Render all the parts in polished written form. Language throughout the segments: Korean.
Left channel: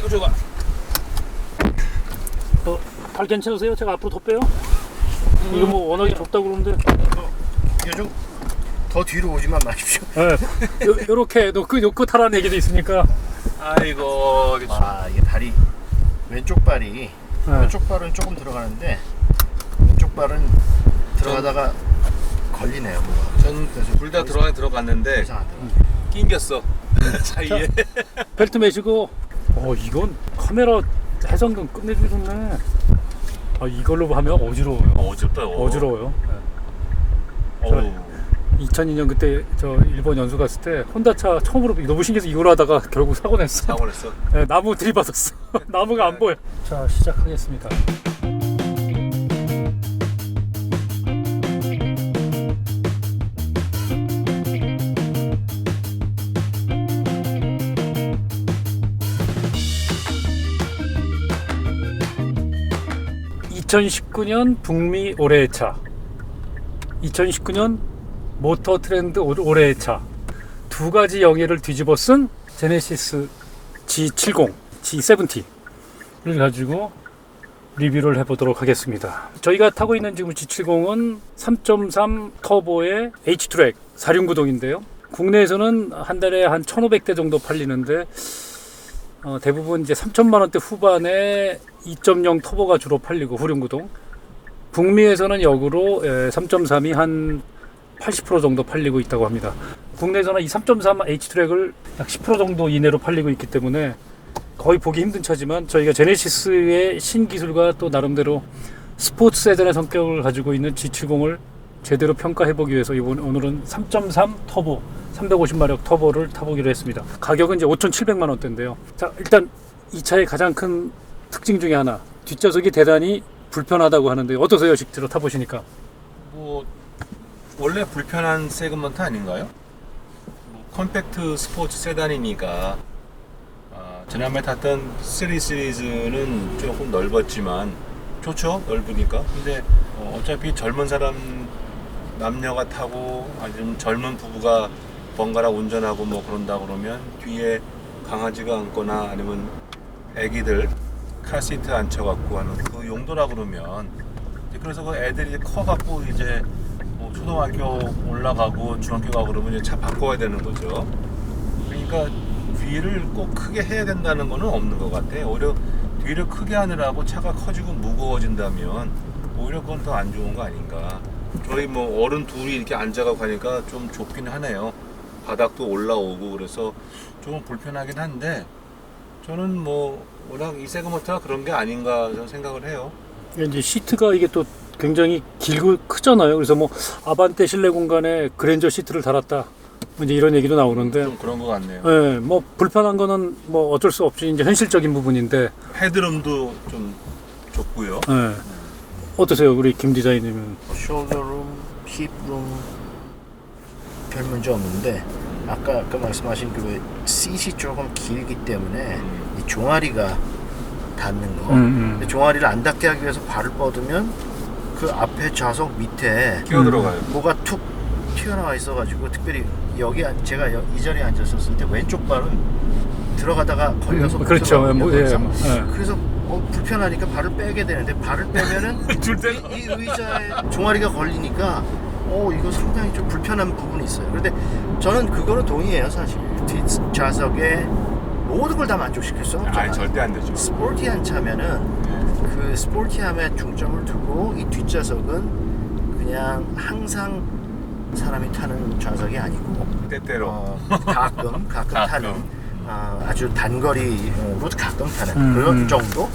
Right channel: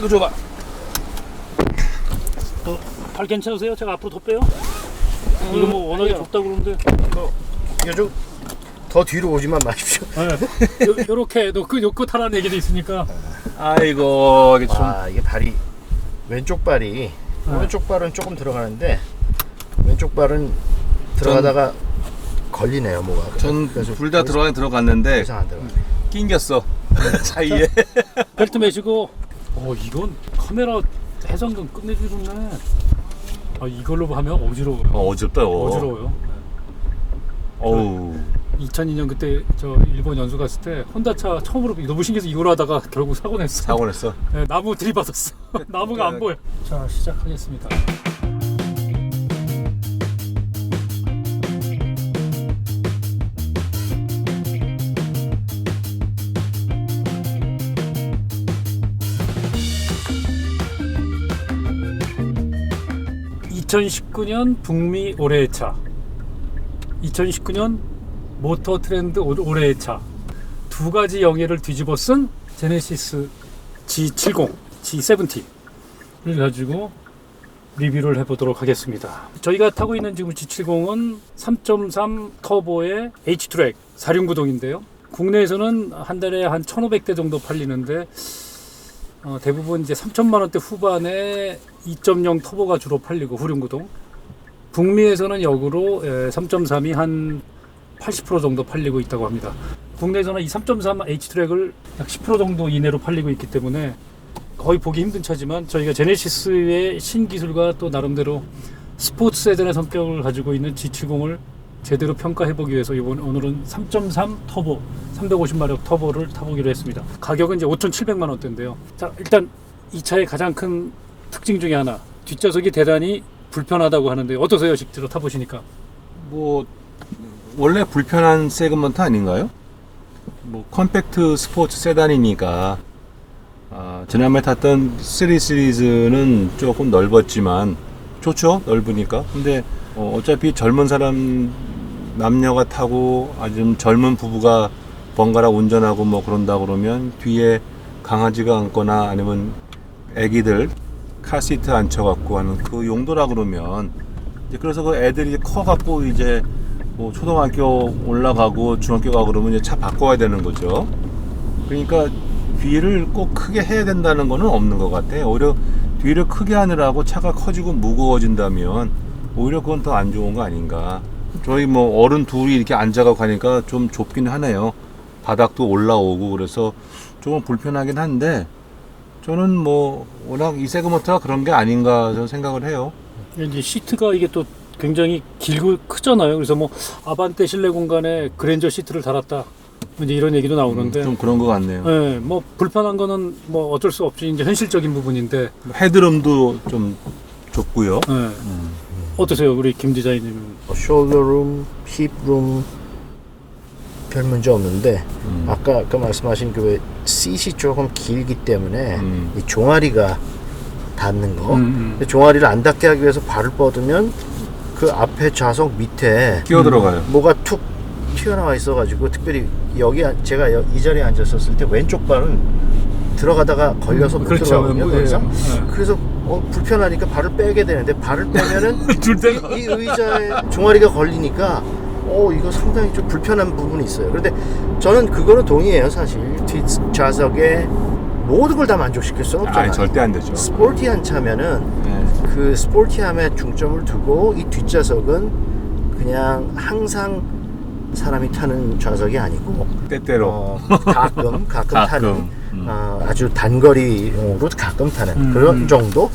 아이고 좋아. 발 괜찮으세요? 제가 앞으로 더 빼요? 이거 뭐 워낙에 좁다고 그러는데. 요즘 더 뒤로 오지만 마십시오. 네. 요렇게 놓고 타라는 얘기도 있으니까. 아이고 이게 좀 이게 다리 왼쪽 발이 왼쪽 발은 조금 들어가는데 왼쪽 발은 들어가다가 걸리네요 뭐가. 전 둘 다 들어가긴 들어갔는데 이상 안 들어가네. 낑겼어 사이에. 벨트 매시고. 이건 카메라 해상도 끝내주기 좋네. 이걸로 하면 어지러워요. 어지럽다. 어지러워요. 어우. 2002년 그때 저 일본 연수 갔을 때 혼다차 처음으로 너무 신기해서 이걸로 하다가 결국 사고 냈어. 사고 냈어. 네, 나무 들이받았어. 나무가 안 보여. 자, 시작하겠습니다. (2019년) 북미 올해의 차, 2019년 모터 트렌드 올해의 차, 두 가지 영예를 뒤집어 쓴 제네시스 G70, G70를 가지고 리뷰를 해보도록 하겠습니다. 저희가 타고 있는 지금 G70은 3.3 터보의 H-트랙 4륜구동인데요. 국내에서는 한 달에 한 1,500대 정도 팔리는데 대부분 이제 3천만 원대 후반에 2.0 터보가 주로 팔리고 후륜구동. 북미에서는 역으로 3.3이 한 80% 정도 팔리고 있다고 합니다. 국내에서는 이 3.3 H트랙을 약 10% 정도 이내로 팔리고 있기 때문에 거의 보기 힘든 차지만 저희가 제네시스의 신기술과 또 나름대로 스포츠 세단의 성격을 가지고 있는 G70을 제대로 평가해보기 위해서 오늘은 3.3 터보 350마력 터보를 타보기로 했습니다. 가격은 이제 5,700만 원대인데요. 자, 일단 이 차의 가장 큰 특징 중에 하나, 뒷좌석이 대단히 불편하다고 하는데 어떠세요? 직접 타보시니까? 뭐 원래 불편한 세그먼트 아닌가요? 뭐 컴팩트 스포츠 세단이니까 지난번에 탔던 3 시리즈는 조금 넓었지만 좋죠, 넓으니까. 근데 어차피 젊은 사람 남녀가 타고 아주 젊은 부부가 번갈아 운전하고 뭐 그런다 그러면 뒤에 강아지가 앉거나 아니면 애기들 카시트 앉혀갖고 하는 그 용도라 그러면 이제 그래서 그 애들이 커갖고 이제 뭐 초등학교 올라가고 중학교 가고 그러면 이제 차 바꿔야 되는 거죠. 그러니까 뒤를 꼭 크게 해야 된다는 거는 없는 것 같아요. 오히려 뒤를 크게 하느라고 차가 커지고 무거워진다면 오히려 그건 더 안 좋은 거 아닌가. 저희 뭐 어른 둘이 이렇게 앉아가고 가니까 좀 좁긴 하네요. 바닥도 올라오고 그래서 조금 불편하긴 한데 저는 뭐 워낙 이 세그먼트가 그런 게 아닌가 저는 생각을 해요. 이제 시트가 이게 또 굉장히 길고 크잖아요. 그래서 뭐 아반떼 실내 공간에 그랜저 시트를 달았다, 이제 이런 얘기도 나오는데 좀 그런 것 같네요. 네, 뭐 불편한 거는 뭐 어쩔 수 없이 이제 현실적인 부분인데. 헤드룸도 좀 좁고요. 네. 어떠세요, 우리 김 디자이너님? 숄더룸, 힙룸 별 문제 없는데 아까 말씀하신 그 시트이 조금 길기 때문에 이 종아리가 닿는 거. 근데 종아리를 안 닿게 하기 위해서 발을 뻗으면 그 앞에 좌석 밑에 끼어 들어가요. 뭐가 툭 튀어나와 있어가지고 특별히 여기 제가 이 자리에 앉았었을 때 왼쪽 발은 들어가다가 걸려서 못 그렇죠. 들어가거든요. 예. 그래서 불편하니까 발을 빼게 되는데 발을 빼면은 줄 때가 이 의자에 종아리가 걸리니까 이거 상당히 좀 불편한 부분이 있어요. 그런데 저는 그거는 동의해요. 사실 뒷좌석에 모든 걸 다 만족시킬 수는 없잖아요. 아니, 절대 안 되죠. 스포티한 차면은 그 스포티함에 중점을 두고 이 뒷좌석은 그냥 항상 사람이 타는 좌석이 아니고 때때로 가끔 타는 아주 단거리로 가끔 타는 그런 정도.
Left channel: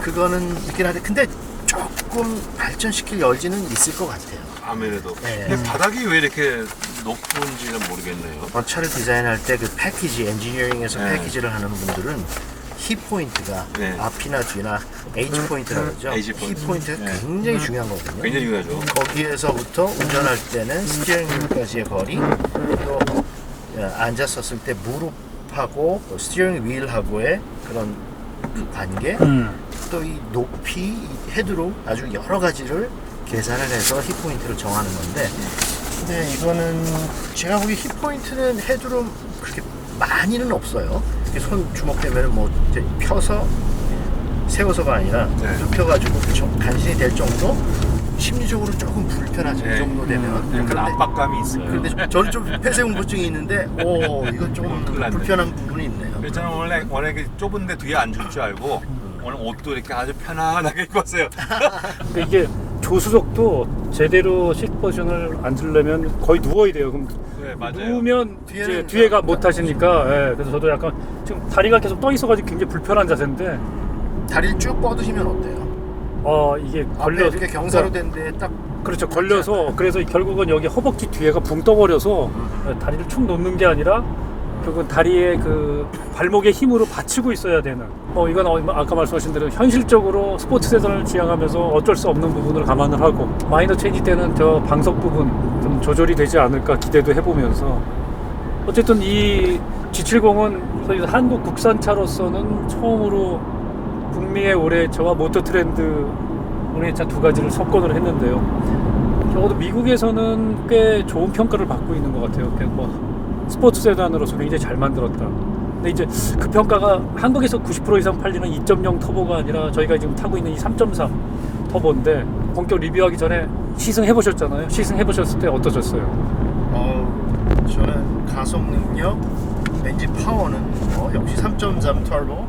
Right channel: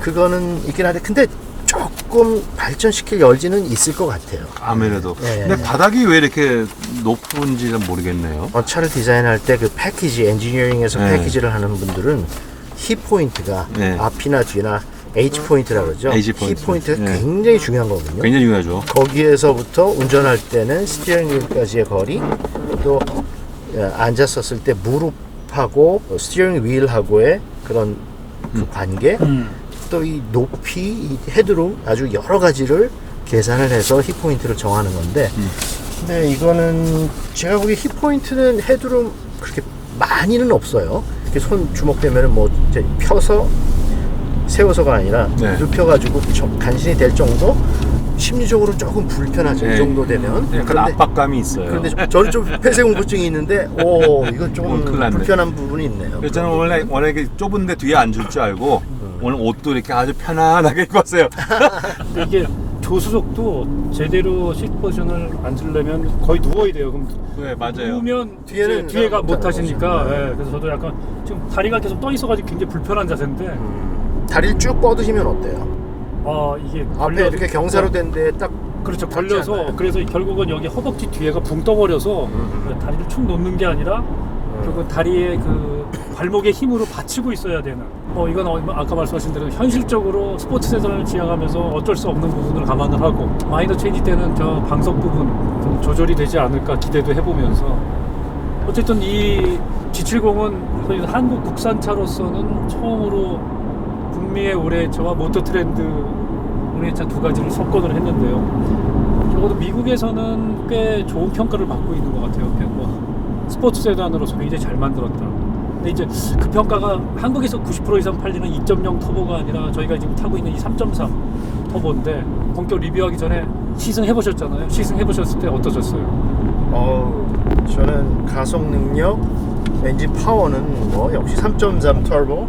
그거는 있긴 한데 근데 조금 발전시킬 여지는 있을 것 같아요. 아무래도. 네. 근데 바닥이 왜 이렇게 높은지는 모르겠네요. 차를 디자인할 때 그 패키지, 엔지니어링에서 네. 패키지를 하는 분들은 힙 포인트가 네. 앞이나 뒤나 H 포인트라고 그러죠. H 힙 포인트. 포인트가 네. 굉장히 중요한 거거든요. 굉장히 중요하죠. 거기에서부터 운전할 때는 스티어링 휠까지의 거리, 또 앉았었을 때 무릎하고 스티어링 휠하고의 그런 그 관계, 또 이 높이, 이 헤드룸 아주 여러 가지를 계산을 해서 힙 포인트를 정하는 건데, 근데 이거는 제가 보기 힙 포인트는 헤드룸 그렇게 많이는 없어요. 이렇게 손 주먹대면은 뭐 이제 펴서 세워서가 아니라 네. 눕혀가지고 간신히 될 정도. 심리적으로 조금 불편하죠. 네. 이 정도 되면. 약간 그런데, 압박감이 있어요. 그런데 저는 좀 폐쇄공포증이 있는데, 이건 조금 큰일 났네. 불편한 부분이 있네요. 그래서 저는 원래 이렇게 좁은데 뒤에 앉을 줄 알고 오늘 옷도 이렇게 아주 편안하게 입고 왔어요. 근데 이게 조수석도 제대로 시트 포지션을 앉으려면 거의 누워야 돼요. 그럼 네, 맞아요. 누우면 뒤에는 이제 뒤에가 못 못 하시니까. 예, 그래서 저도 약간 지금 다리가 계속 떠 있어가지고 굉장히 불편한 자세인데, 다리를 쭉 뻗으시면 어때요? 이게 앞에 이렇게 경사로 된 데에 딱 그렇죠. 닿지 걸려서 않아요? 그래서 결국은 여기 허벅지 뒤에가 붕 떠버려서 다리를 축 놓는 게 아니라 결국은 다리에 그 발목의 힘으로 받치고 있어야 되는. 이건 아까 말씀하신 대로 현실적으로 스포츠 세단을 지향하면서 어쩔 수 없는 부분을 감안을 하고 마이너 체인지 때는 저 방석 부분 좀 조절이 되지 않을까 기대도 해보면서 어쨌든 이 G70은 저희 한국 국산차로서는 처음으로 북미의 올해차와 모터트렌드 올해차 두 가지를 석권을 했는데요. 적어도 미국에서는 꽤 좋은 평가를 받고 있는 것 같아요. 그냥 뭐 스포츠 세단으로서 굉장히 잘 만들었다. 근데 이제 그 평가가 한국에서 90% 이상 팔리는 2.0 터보가 아니라 저희가 지금 타고 있는 이 3.3 터보인데 본격 리뷰하기 전에 시승해 보셨잖아요. 시승해 보셨을 때 어떠셨어요? 저는 가속 능력, 엔진 파워는 뭐 역시 3.3 터보.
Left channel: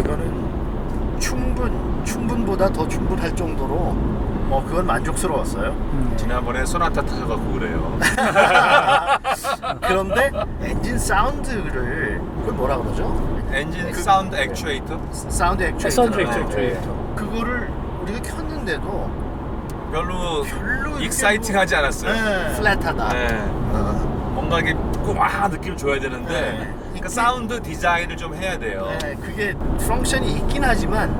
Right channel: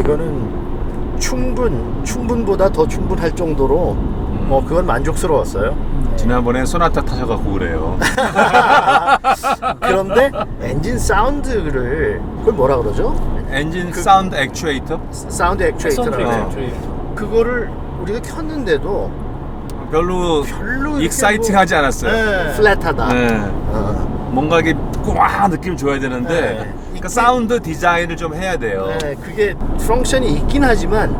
이거는 충분보다 더 충분할 정도로 그건 만족스러웠어요. 지난번에 소나타 타셔갖고 그래요. 그런데 엔진 사운드를 그걸 뭐라 그러죠? 엔진 사운드 액추에이터? 사운드 액추에이터. 사운드 액추에이터. 그거를 우리가 켰는데도 별로 이렇게 익사이팅하지 않았어요. 네, 플랫하다. 네. 뭔가 이게 꽉 느낌 줘야 되는데 네. 그러니까 사운드 디자인을 좀 해야 돼요. 네, 그게 펑션이 있긴 하지만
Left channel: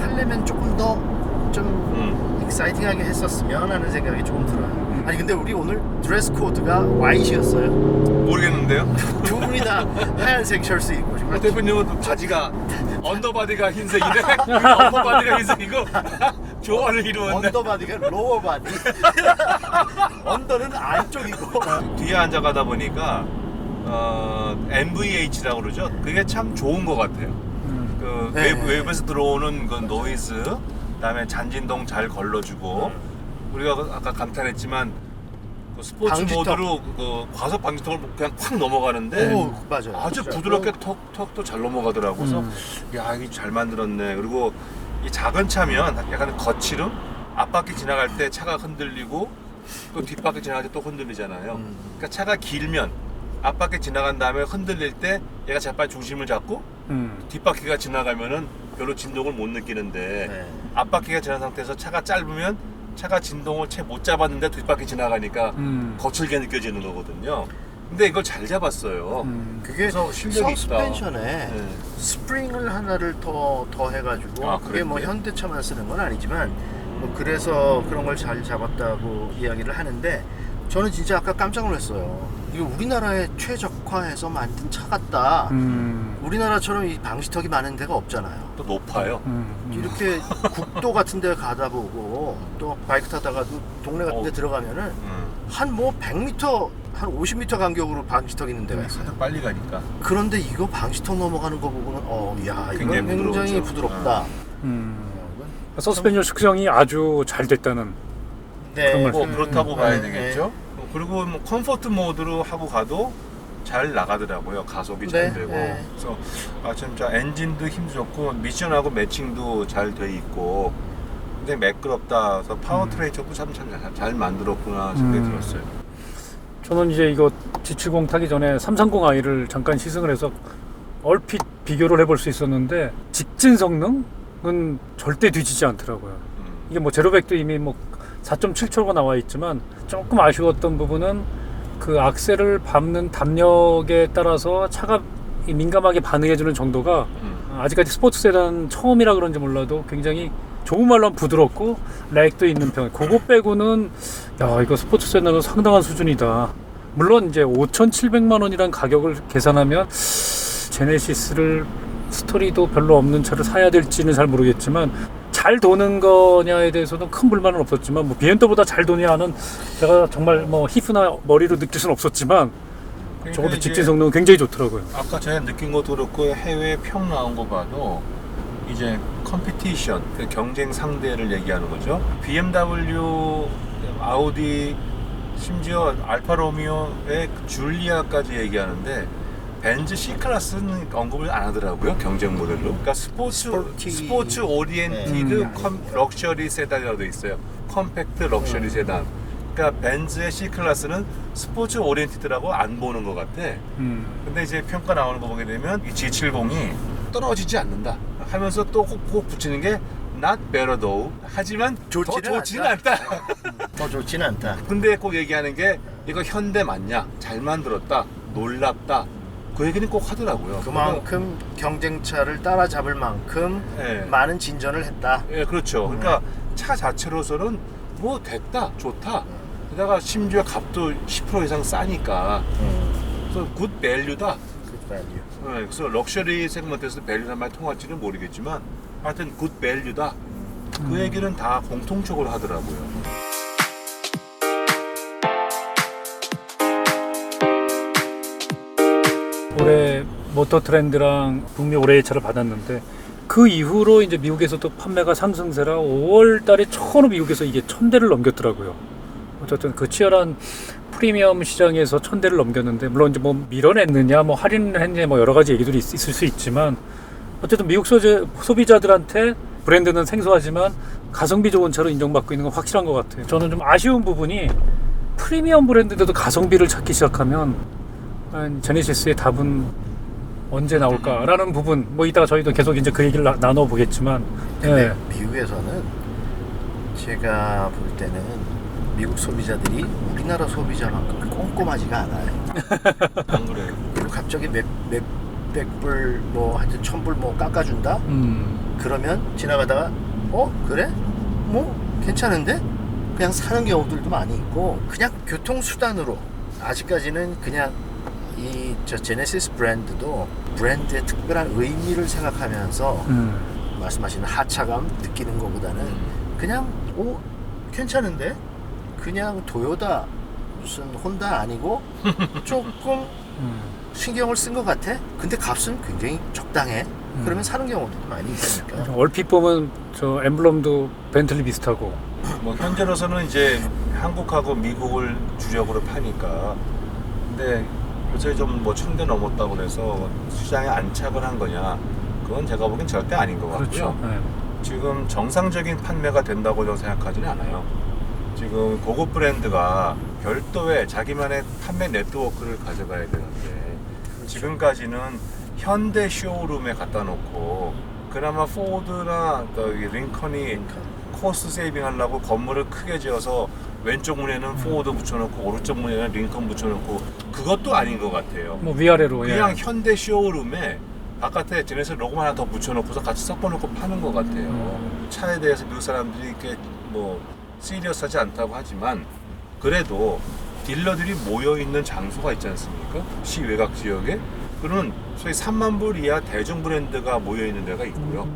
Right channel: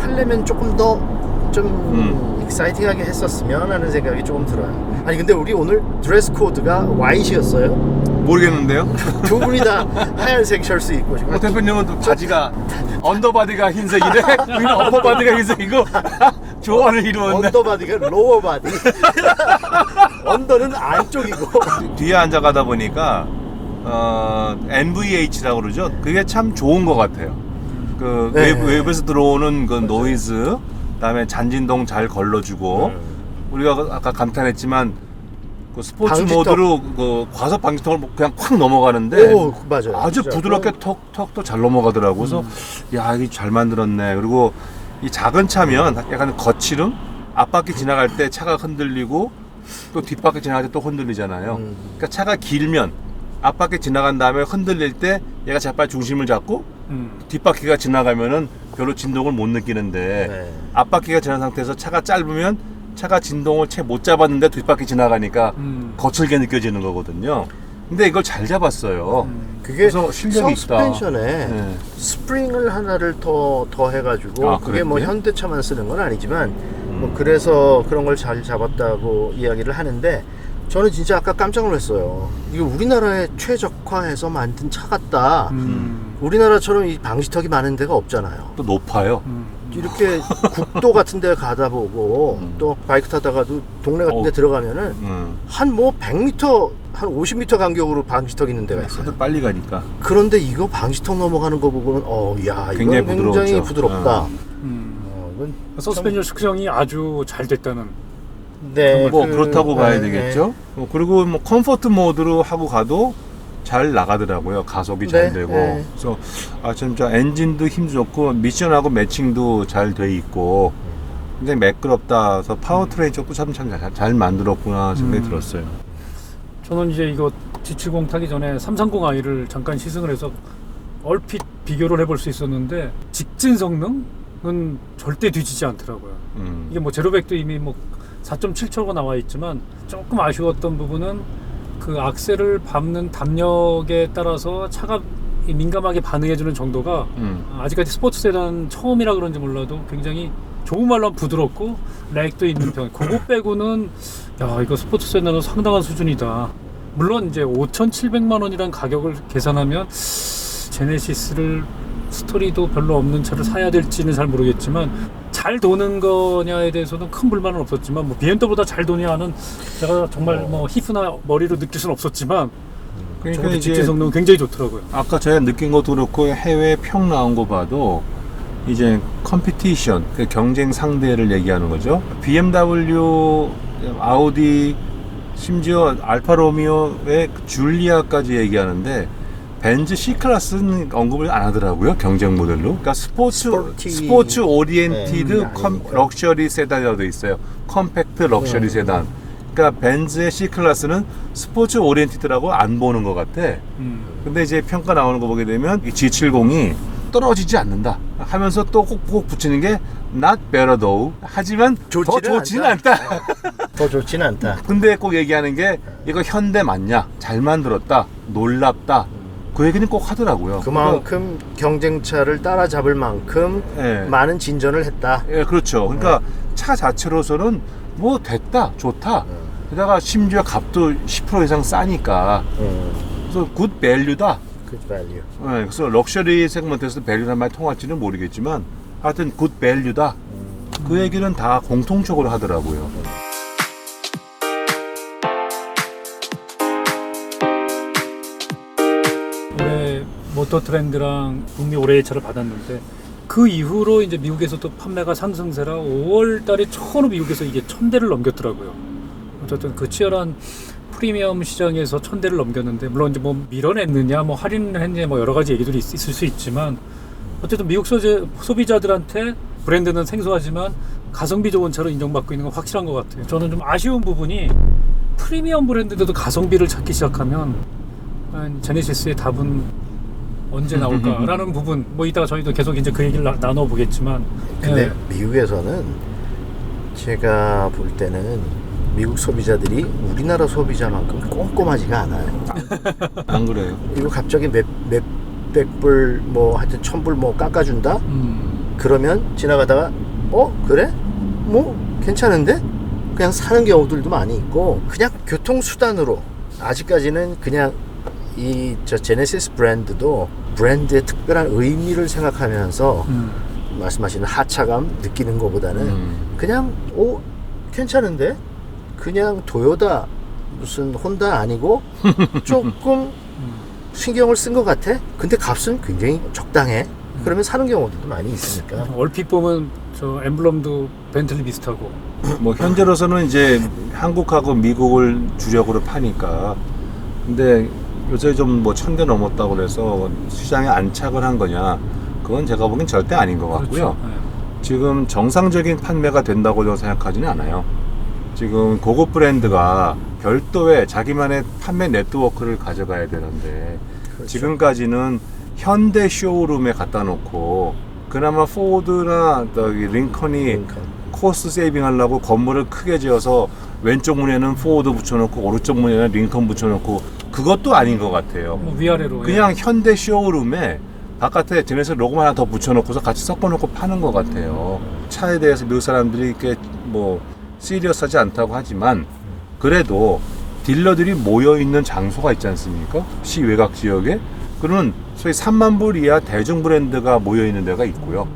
하려면 조금 더 좀 익사이팅하게 했었으면 하는 생각이 조금 들어요. 아니 근데 우리 오늘 드레스 코드가 화이트였어요. 모르겠는데요? 두 분이 다 하얀색 셔츠 입고 지금. 대표님은 또 바지가 언더바디가 흰색이네? 우리는 어퍼바디가 흰색이고 조화를 이루었네. 언더바디가 로어 바디. 언더는 안쪽이고. 뒤에 앉아가다 보니까 NVH라고 그러죠. 그게 참 좋은 것 같아요. 그 네. 외부에서 들어오는 그 노이즈, 그다음에 잔진동 잘 걸러주고 우리가 아까 감탄했지만 그 스포츠 방지턱. 모드로 그 과속 방지턱을 그냥 콱 넘어가는데 오, 맞아요. 아주 진짜. 부드럽게 턱도 잘 넘어가더라고. 그래서 야 이게 잘 만들었네. 그리고 이 작은 차면 약간 거칠음, 앞바퀴 지나갈 때 차가 흔들리고 또 뒷바퀴 지나갈 때 또 흔들리잖아요. 그러니까 차가 길면 앞바퀴 지나간 다음에 흔들릴 때 얘가 재빨리 중심을 잡고 뒷바퀴가 지나가면은 별로 진동을 못 느끼는데 네. 앞바퀴가 지난 상태에서 차가 짧으면 차가 진동을 채 못 잡았는데 뒷바퀴 지나가니까 거칠게 느껴지는 거거든요. 근데 이걸 잘 잡았어요. 그게 그래서 실력이 있다. 서스펜션에 네. 스프링을 하나를 더 해가지고 아, 그게 뭐 그랬고요? 현대차만 쓰는 건 아니지만 뭐 그래서 그런 걸 잘 잡았다고 이야기를 하는데 저는 진짜 아까 깜짝 놀랐어요. 이거 우리나라에 최적화해서 만든 차 같다. 우리나라처럼 이 방지턱이 많은 데가 없잖아요. 또 높아요. 이렇게 국도 같은 데 가다 보고 또 바이크 타다가도 동네 같은 데 들어가면은 한 뭐 100m, 한 50m 간격으로 방지턱 있는 데가 있어요. 다들 빨리 가니까. 그런데 이거 방지턱 넘어가는 거 보고는 야 굉장히 이건 굉장히 부드럽죠. 부드럽다. 음. 서스펜션 측정이 아주 잘 됐다는. 네, 뭐 그렇다고 봐야 네, 되겠죠. 그리고 뭐 컴포트 모드로 하고 가도 잘 나가더라고요. 가속이 잘 네, 되고. 네. 그래서 진짜 엔진도 힘 좋고 미션하고 매칭도 잘 돼 있고 굉장히 매끄럽다. 그래서 파워트레인 쪽도 참 잘 만들었구나 생각이 들었어요. 저는 이제 이거 G70 타기 전에 330i를 잠깐 시승을 해서 얼핏 비교를 해볼 수 있었는데 직진 성능은 절대 뒤지지 않더라고요. 이게 뭐 제로백도 이미 뭐 4.7초가 나와 있지만 조금 아쉬웠던 부분은 그 악셀을 밟는 담력에 따라서 차가 민감하게 반응해주는 정도가 아직까지 스포츠 세단 처음이라 그런지 몰라도 굉장히 좋은 말로 하면 부드럽고 렉도 있는 편. 그거 빼고는 야 이거 스포츠 세단은 상당한 수준이다. 물론 이제 5,700만 원이란 가격을 계산하면 제네시스를 스토리도 별로 없는 차를 사야 될지는 잘 모르겠지만 잘 도는 거냐에 대해서는 큰 불만은 없었지만 뭐 BMW보다 잘 도냐는 제가 정말 뭐 히프나 머리로 느낄 수는 없었지만 그러니까 저것도 이제 직진 성능은 굉장히 좋더라고요. 아까 제가 느낀 것도 그렇고 해외 평 나온 거 봐도 이제 컴피티션, 그 경쟁 상대를 얘기하는 거죠. BMW, 아우디, 심지어 알파 로미오의 줄리아까지 얘기하는데 벤츠 C클래스는 언급을 안 하더라고요. 경쟁 모델로. 그러니까 스포츠 오리엔티드 럭셔리 세단이라고 돼 있어요. 컴팩트 럭셔리 세단. 그러니까 벤츠의 C클래스는 스포츠 오리엔티드라고 안 보는 것 같아. 근데 이제 평가 나오는 거 보게 되면 이 G70이 떨어지지 않는다 하면서 또 꼭 붙이는 게 not better though. 하지만 더 좋지는 않다. 더 좋지는 않다. 근데 꼭 얘기하는 게 이거 현대 맞냐? 잘 만들었다. 놀랍다. 그 얘기는 꼭 하더라고요. 그만큼 경쟁차를 따라잡을 만큼 예. 많은 진전을 했다. 예, 그렇죠. 그러니까 차 자체로서는 뭐 됐다, 좋다. 게다가 심지어 값도 10% 이상 싸니까. 그래서 굿 밸류다. Good value. 예, 그래서 럭셔리 세그먼트에서 밸류란 말이 통할지는 모르겠지만 하여튼 굿 밸류다. 그 얘기는 다 공통적으로 하더라고요. 올해 모터 트렌드랑 북미 올해의 차를 받았는데 그 이후로 이제 미국에서도 판매가 상승세라 5월 달에 처음 미국에서 이게 1000대를 넘겼더라고요. 어쨌든 그 치열한 프리미엄 시장에서 1000대를 넘겼는데 물론 이제 뭐 밀어냈느냐 뭐 할인을 했느냐 뭐 여러 가지 얘기들이 있을 수 있지만 어쨌든 미국 소비자들한테 브랜드는 생소하지만 가성비 좋은 차로 인정받고 있는 건 확실한 것 같아요. 저는 좀 아쉬운 부분이 프리미엄 브랜드들도 가성비를 찾기 시작하면 제네시스의 답은 언제 나올까라는 부분 뭐 이따가 저희도 계속 이제 그 얘기를 나눠보겠지만 근데 예. 미국에서는 제가 볼 때는 미국 소비자들이 우리나라 소비자만큼 꼼꼼하지가 않아요. 안 그래요? 그리고 갑자기 몇백 불, 뭐 하여튼 1000불 뭐 깎아준다? 그러면 지나가다가 그래? 뭐 괜찮은데? 그냥 사는 경우들도 많이 있고 그냥 교통수단으로 아직까지는 그냥 저 제네시스 브랜드도 브랜드의 특별한 의미를 생각하면서 말씀하시는 하차감 느끼는 것보다는 그냥 괜찮은데? 그냥 도요타 무슨 혼다 아니고 조금 신경을 쓴 것 같아? 근데 값은 굉장히 적당해. 그러면 사는 경우도 많이 있으니까. 얼핏 보면 저 엠블럼도 벤틀리 비슷하고 뭐 현재로서는 이제 한국하고 미국을 주력으로 파니까. 근데 요새 좀 뭐 1000대 넘었다고 그래서 시장에 안착을 한 거냐? 그건 제가 보기엔 절대 아닌 것 같고요. 그렇죠. 네. 지금 정상적인 판매가 된다고 저는 생각하지는 않아요. 지금 고급 브랜드가 별도의 자기만의 판매 네트워크를 가져가야 되는데 그렇죠. 지금까지는 현대 쇼룸에 갖다 놓고 그나마 포드나 링컨이 코스트 세이빙 하려고 건물을 크게 지어서 왼쪽 문에는 포드 붙여놓고 오른쪽 문에는 링컨 붙여놓고 그것도 아닌 것 같아요. 뭐 위아래로 그냥 예. 현대 쇼룸에 바깥에 제네시스 로고 하나 더 붙여놓고서 같이 섞어놓고 파는 것 같아요. 차에 대해서 미국 사람들이 이렇게 뭐 시리어스하지 않다고 하지만 그래도 딜러들이 모여있는 장소가 있지 않습니까? 시 외곽 지역에 그러면 소위 3만 불 이하 대중 브랜드가 모여있는 데가 있고요.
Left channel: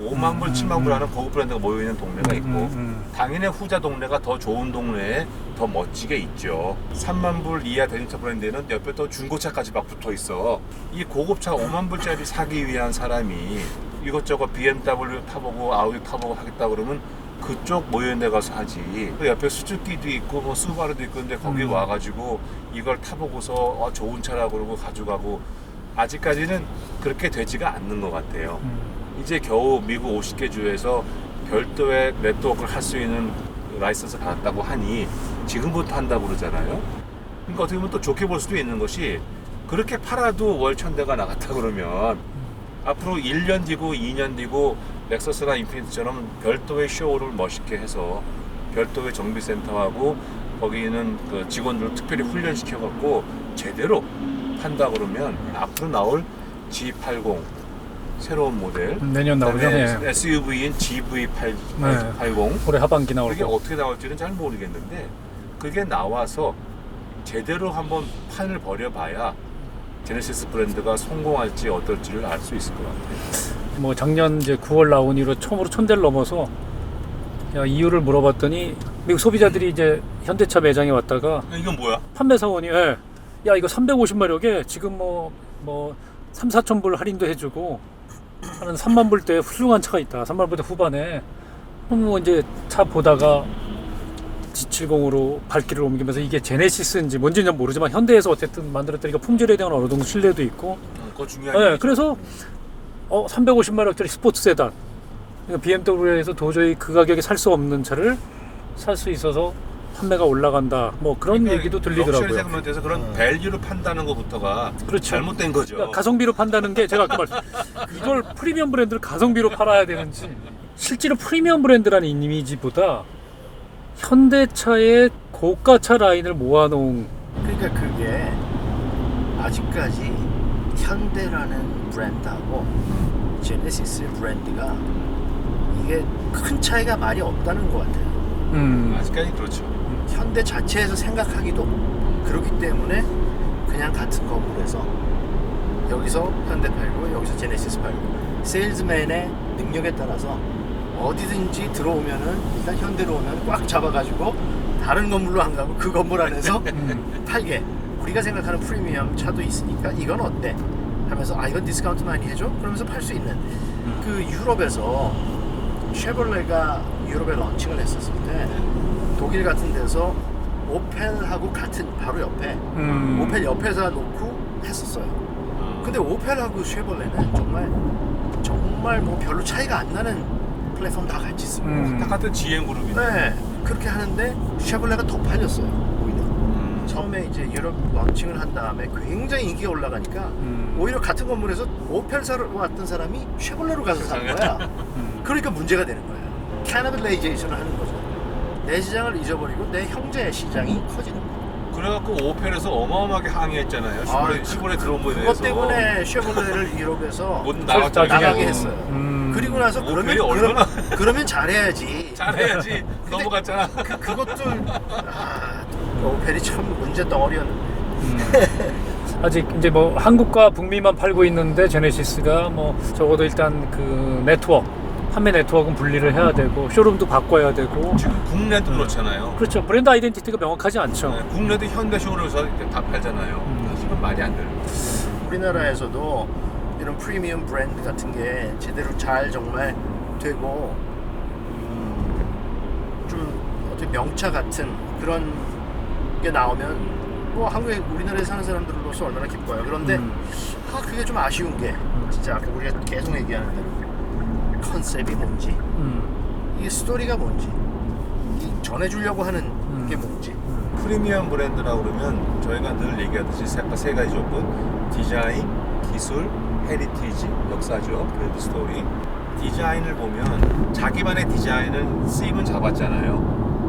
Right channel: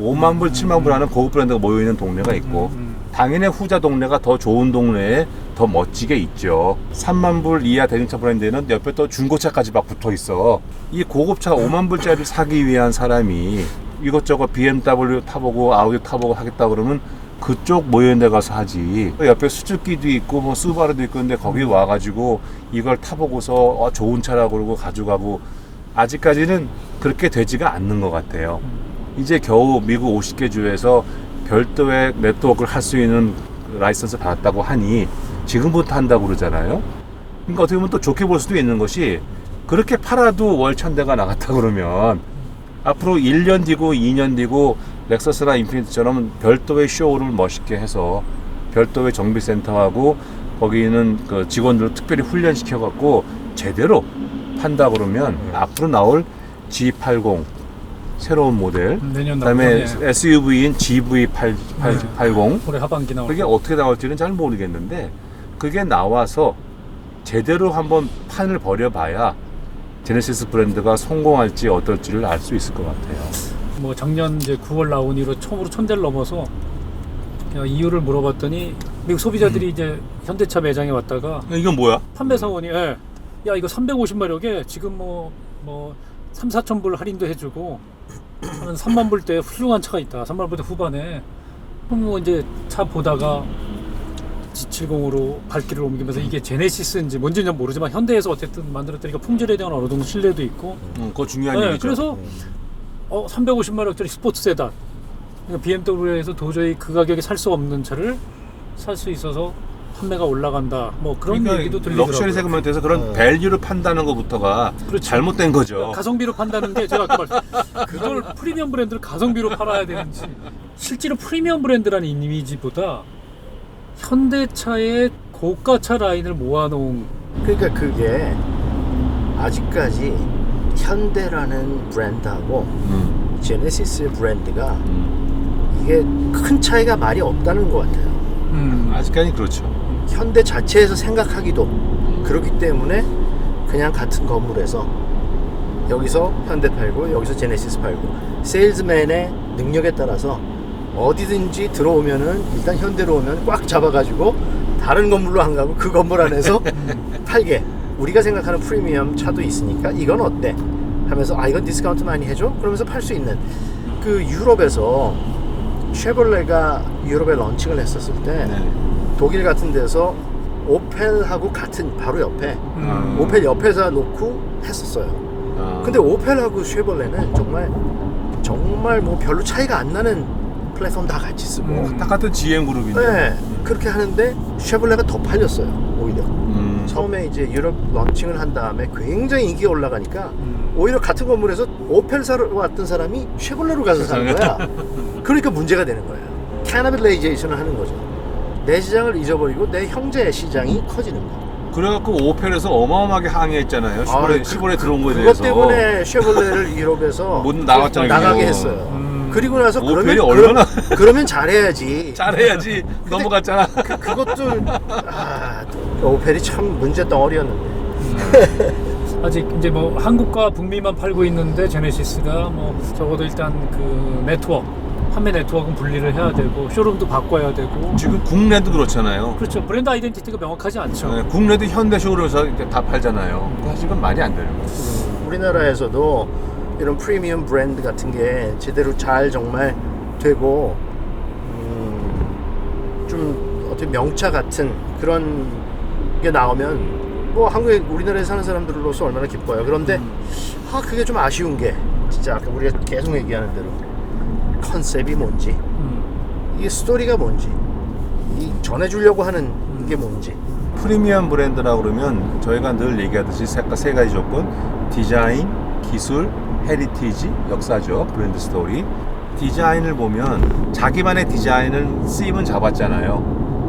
5만 불, 7만 불 하는 고급 브랜드가 모여있는 동네가 있고 당연히 후자 동네가 더 좋은 동네에 더 멋지게 있죠. 3만 불 이하 대중차 브랜드는 옆에 또 중고차까지 막 붙어 있어. 이 고급차 5만 불짜리 사기 위한 사람이 이것저것 BMW 타보고 아우디 타보고 하겠다 그러면 그쪽 모여있는 데 가서 하지. 옆에 수즈키도 있고 뭐 수바루도 있고 근데 거기 와가지고 이걸 타보고서 좋은 차라고 그러고 가져가고 아직까지는 그렇게 되지가 않는 것 같아요. 이제 겨우 미국 50개 주에서 별도의 네트워크를 할 수 있는 라이선스 받았다고 하니 지금부터 한다고 그러잖아요. 그러니까 어떻게 보면 또 좋게 볼 수도 있는 것이 그렇게 팔아도 월 1000대가 나갔다 그러면 앞으로 1년 뒤고 2년 뒤고 렉서스나 인피니티처럼 별도의 쇼를 멋있게 해서 별도의 정비센터하고 거기는 그 직원들을 특별히 훈련시켜갖고 제대로 판다 그러면 앞으로 나올 G80 새로운 모델 내년 그다음에 나오면 예. SUV인 GV80 올해 하반기 나올 그게 거고. 어떻게 나올지는 잘 모르겠는데 그게 나와서 제대로 한번 판을 벌여봐야 제네시스 브랜드가 성공할지 어떨지를 알 수 있을 것 같아요. 뭐 작년 이제 9월 나온 이후로 처음으로 1000대를 넘어서 이유를 물어봤더니 미국 소비자들이 이제 현대차 매장에 왔다가 이건 뭐야? 판매 사원이 야 이거 350마력에 지금 뭐 3, 4천 불 할인도 해주고 한 3만 불대 훌륭한 차가 있다. 3만 불대 후반에 그럼 뭐 이제 차 보다가 G70으로 발길을 옮기면서 이게 제네시스인지 뭔지는 모르지만 현대에서 어쨌든 만들었다니까 품질에 대한 어느 정도 신뢰도 있고. 그거 중요한 네, 얘기죠. 그래서 350마력짜리 스포츠 세단. 그러니까 BMW에서 도저히 그 가격에 살 수 없는 차를 살 수 있어서 판매가 올라간다. 뭐 그런 그러니까 얘기도 들리더라고요. 럭셔리 세그먼트에서 그런 밸류를 판다는 것부터가 그렇죠. 잘못된 거죠. 그러니까 가성비로 판다는 게 제가 아까 이걸 프리미엄 브랜드를 가성비로 팔아야 되는지 실제로 프리미엄 브랜드라는 이미지보다 현대차의 고가차 라인을 모아놓은 그러니까 그게 아직까지 현대라는 브랜드하고 제네시스 브랜드가 이게 큰 차이가 많이 없다는 것 같아요. 아직까지 그렇죠. 현대 자체에서 생각하기도 그렇기 때문에 그냥 같은 건물에서 여기서 현대 팔고 여기서 제네시스 팔고 세일즈맨의 능력에 따라서 어디든지 들어오면은 일단 현대로 오면 꽉 잡아가지고 다른 건물로 안 가고 그 건물 안에서 팔게. 우리가 생각하는 프리미엄 차도 있으니까 이건 어때? 하면서 이건 디스카운트 많이 해줘? 그러면서 팔 수 있는 그 유럽에서 쉐볼레가 유럽에 런칭을 했었을 때 독일 같은 데서 오펠하고 같은 바로 옆에 오펠 옆에서 놓고 했었어요. 근데 오펠하고 쉐볼레는 정말 뭐 별로 차이가 안 나는 플랫폼 다 같이 쓰고 딱 같은 GM 그룹인데. 네, 그렇게 하는데 쉐볼레가 더 팔렸어요. 오히려 처음에 이제 유럽 런칭을 한 다음에 굉장히 인기가 올라가니까 오히려 같은 건물에서 오펠 사러 왔던 사람이 쉐볼레로 가서 사는 거야. 그러니까 문제가 되는 거예요. 캐나빌레이제이션을 하는 거죠. 내 시장을 잊어버리고 내 형제의 시장이 커지는 거예요. 그래갖고 오펠에서 어마어마하게 항의했잖아요. 시골에 들어온 거에 그것 대해서. 때문에 쉐볼레를 유럽에서 못 나갔잖아요. 나가게 했어요. 그리고 나서 오펠이 얼마나 그러면 잘해야지. 잘해야지 넘어갔잖아. 그것도 오펠이 참 문제 덩어리였는데. 아직 이제 뭐 한국과 북미만 팔고 있는데 제네시스가 뭐 적어도 일단 그 판매 네트워크는 분리를 해야 되고 쇼룸도 바꿔야 되고. 지금 국내도 그렇잖아요. 그렇죠. 브랜드 아이덴티티가 명확하지 않죠. 네, 국내도 현대 쇼룸에서 다 팔잖아요. 사실은 말이 안 되는 거예요. 우리나라에서도 이런 프리미엄 브랜드 같은 게 제대로 잘 정말 되고 좀 어떻게 명차 같은 그런 게 나오면 뭐 한국에 우리나라에 사는 사람들로서 얼마나 기뻐요. 그런데 그게 좀 아쉬운 게 진짜 아까 우리가 계속 얘기하는 대로 컨셉이 뭔지 이게 스토리가 뭔지 이 전해주려고 하는 게 뭔지. 프리미엄 브랜드라고 그러면 저희가 늘 얘기하듯이 세 가지 조건: 디자인, 기술, 헤리티지, 역사죠. 브랜드 스토리. 디자인을 보면 자기만의 디자인을 쓰임은 잡았잖아요.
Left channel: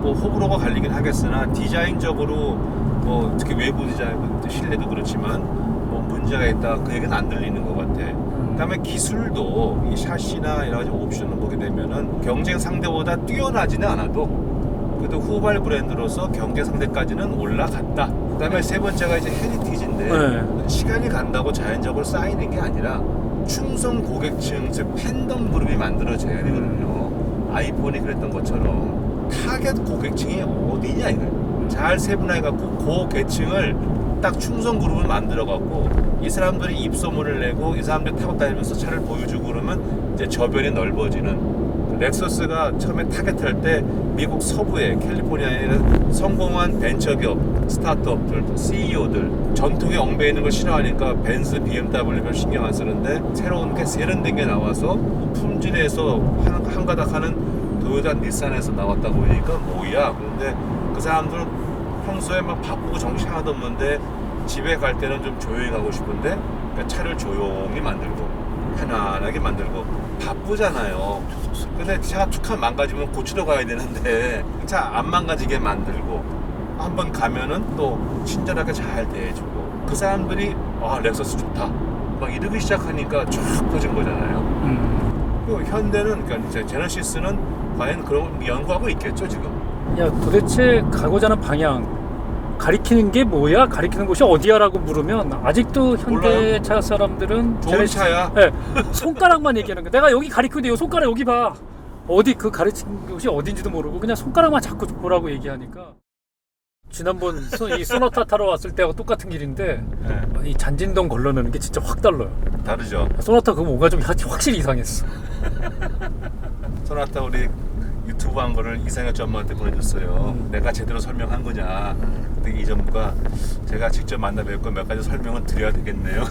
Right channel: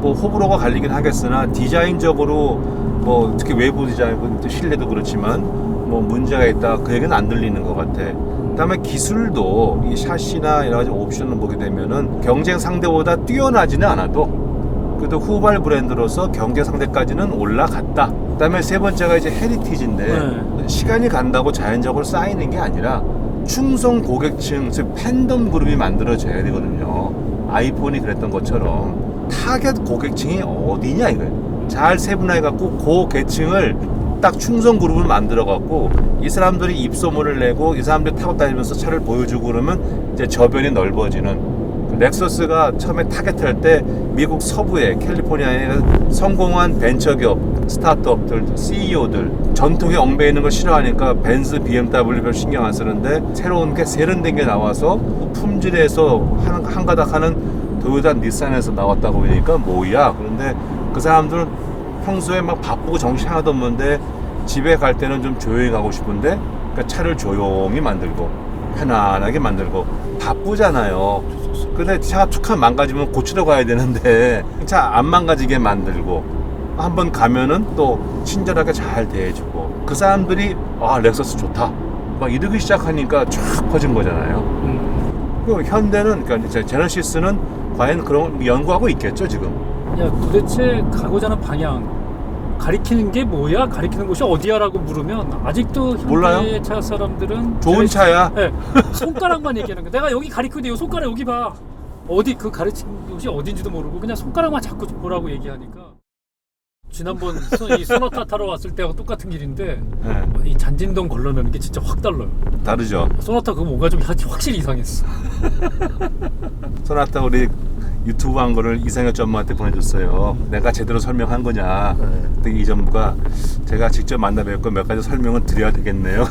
뭐 호불호가 갈리긴 하겠으나 디자인적으로 뭐 특히 외부 디자인, 실내도 그렇지만 뭐 문제가 있다 그 얘기는 안 들리는 것 같아. 그다음에 기술도 이 샤시나 여러 가지 옵션을 보게 되면은 경쟁 상대보다 뛰어나지는 않아도 그래도 후발 브랜드로서 경쟁 상대까지는 올라갔다. 그다음에 세 번째가 이제 헤리티지인데 시간이 간다고 자연적으로 쌓이는 게 아니라 충성 고객층, 즉 팬덤 그룹이 만들어져야 되거든요. 아이폰이 그랬던 것처럼 타겟 고객층이 어디냐 이거예요. 잘 세분화해갖고 그 계층을 딱 충성 그룹을 만들어갖고 이 사람들이 입소문을 내고 이 사람들이 타고 다니면서 차를 보여주고 그러면 이제 저변이 넓어지는. 렉서스가 처음에 타겟할 때 미국 서부에 캘리포니아에 성공한 벤처기업, 스타트업들, CEO들 전통에 엉배 있는 걸 싫어하니까 벤츠, BMW 별 신경 안 쓰는데 새로운 게 세련된 게 나와서 품질에서 한 가닥 하는 도요타, 닛산에서 나왔다고 보니까 뭐야. 그런데 그 사람들은 평소에 막 바쁘고 정신 하나도 없는데 집에 갈 때는 좀 조용히 가고 싶은데 그러니까 차를 조용히 만들고 편안하게 만들고 바쁘잖아요. 근데 차가 툭하면 망가지면 고치러 가야 되는데 차 안 망가지게 만들고 한번 가면은 또 친절하게 잘 대해주고 그 사람들이 렉서스 좋다 막 이러기 시작하니까 쫙 퍼진 거잖아요. 그 현대는 그러니까 제네시스는 과연 그런 연구하고 있겠죠 지금. 야 도대체 가고자 하는 방향 가리키는 게 뭐야? 가리키는 곳이 어디야라고 물으면 아직도 현대차 사람들은 좋은 차야. 네, 손가락만 얘기하는 거야. 내가 여기 가리키는데 이 손가락 여기 봐. 어디 그 가르친 곳이 어딘지도 모르고 그냥 손가락만 자꾸 보라고 얘기하니까. 지난번 이 소나타 타러 왔을 때하고 똑같은 길인데 네, 이 잔진동 걸러내는 게 진짜 확 달라요. 다르죠. 소나타 그거 뭔가 좀 확실히 이상했어. 소나타 우리 유튜브 한 거를 이상혁 전무한테 보내줬어요. 내가 제대로 설명한 거냐. 그때 이 전무가 제가 직접 만나 뵙고 몇 가지 설명을 드려야 되겠네요.